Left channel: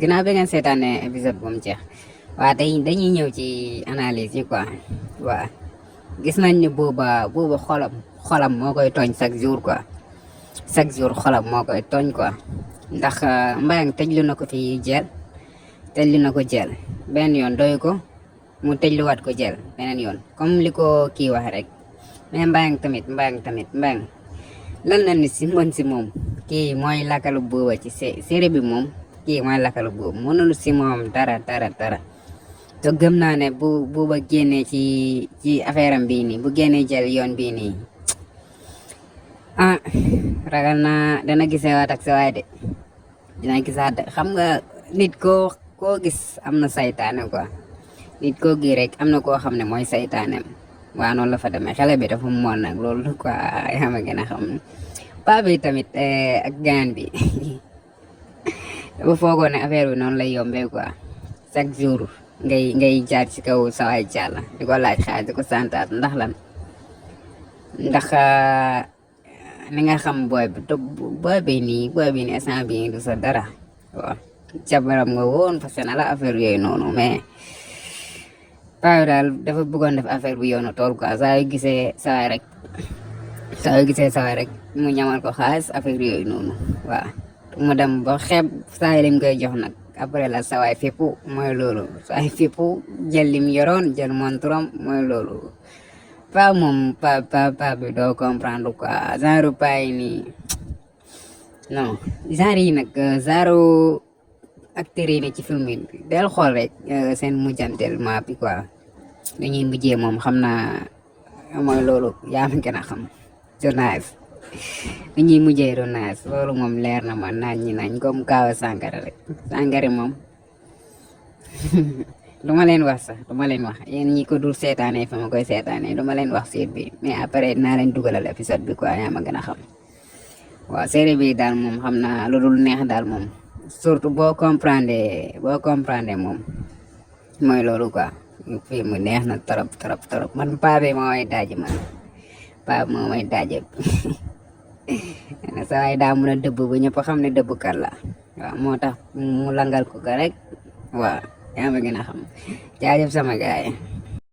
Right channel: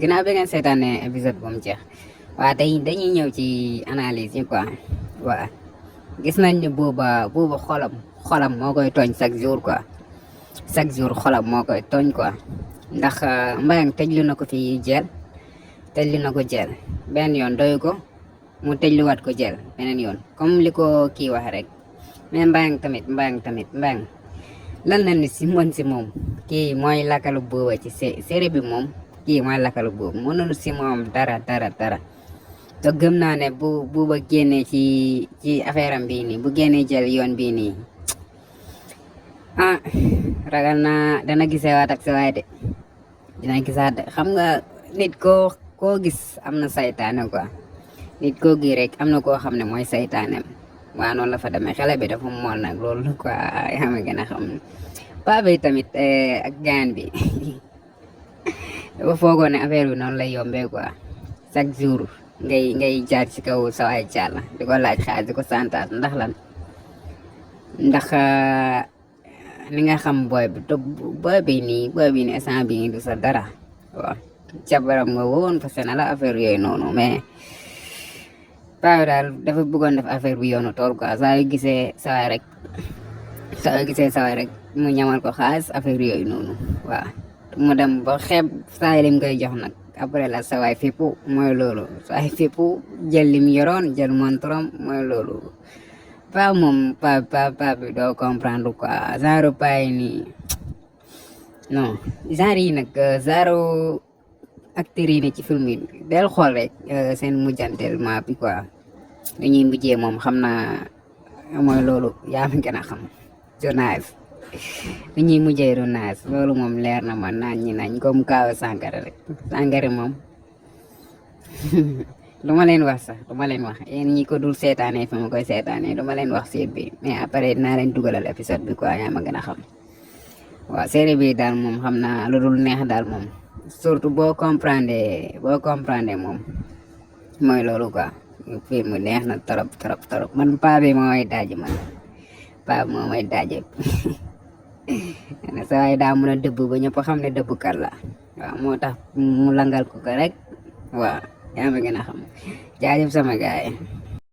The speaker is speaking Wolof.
ginnaaw bi ngeen seetaanee épisode bu mu jeex waa tey dañuy ñëw ci analyse yi quoi waa gis nañ ni buuba xolam moo koy tooñ chaque jour quoi chaque jour xolam moo koy tooñ quoi ndax Mbayang tëjlu na ko fi jël tëjlu na ko jël benn yoon doyu ko mu tëjluwaat ko jël beneen yoon comme li ko kii wax rek mais Mbayang tamit Mbayang lan la nit si mën si moom kii mooy lakalu buuba ci série bi moom kii mooy lakalu buuba mënul si moom dara te gëm naa ne buuba génnee ci affaire am bii nii bu génnee jël yoon bii nii ragal naa dana gisee waat ak sa waay de dina gisaat de xam nga nit koo gis am na saytaane quoi nit koo gi rek am na koo xam ne mooy saytaanem waaw noonu la fa demee xale bi dafa moon nag loolu quoi xam nga gën a xam paa bi tamit ak gaan bi dafa foogoon ne affaire bi noonu lay yombee quoi chaque jour ngay jaar ci kaw sa waay jàlla di ko laaj xaaj di ko santaat ndax lan ndax ni nga xam booy bi nii instant bi du sa dara waaw jabaram nga woon fas na la affaire yooyu noonu mais paa daal dafa bëggoon def affaire bi yoonu tool quoi saa yu gisee sawaay rek mu ñamal ko xaalis affaire yooyu noonu waaw mu dem ba xeeb saa lim koy jox nag après la sawaay fippu mooy loolu sawaay fippu jël lim yoroon jël montorom mooy loolu paa moom paa bi doo comprendre quoi genre paa yi nii non genre yi nag genre acteurs yi ci film yi del xool rek seen mujjanteel ma bi quoi li ñuy mujjee moom xam naa mooy loolu yaa ma gën a xam journaliste li ñuy mujjee journaliste loolu moom leer na ma nañ comme kaaw Sankara rek Sankara moom du ma leen wax sax du ma leen wax yéen ñi ko dul seetaanee fi ma koy seetaanee du ma leen wax série bi mais après dinaa leen dugalal épisode bi quoi yaa ma gën a xam waaw série bi daal moom xam naa lu dul neex daal moom surtout boo comprendre moom mooy loolu quoi film neex na trop man paa bi moo may daaji sa waay daa mun a dëbb ba ñëpp xam ne dëbb kat la waaw moo tax mu langal ko rek waaw yaa ma gën a xam jaajëf sama gaay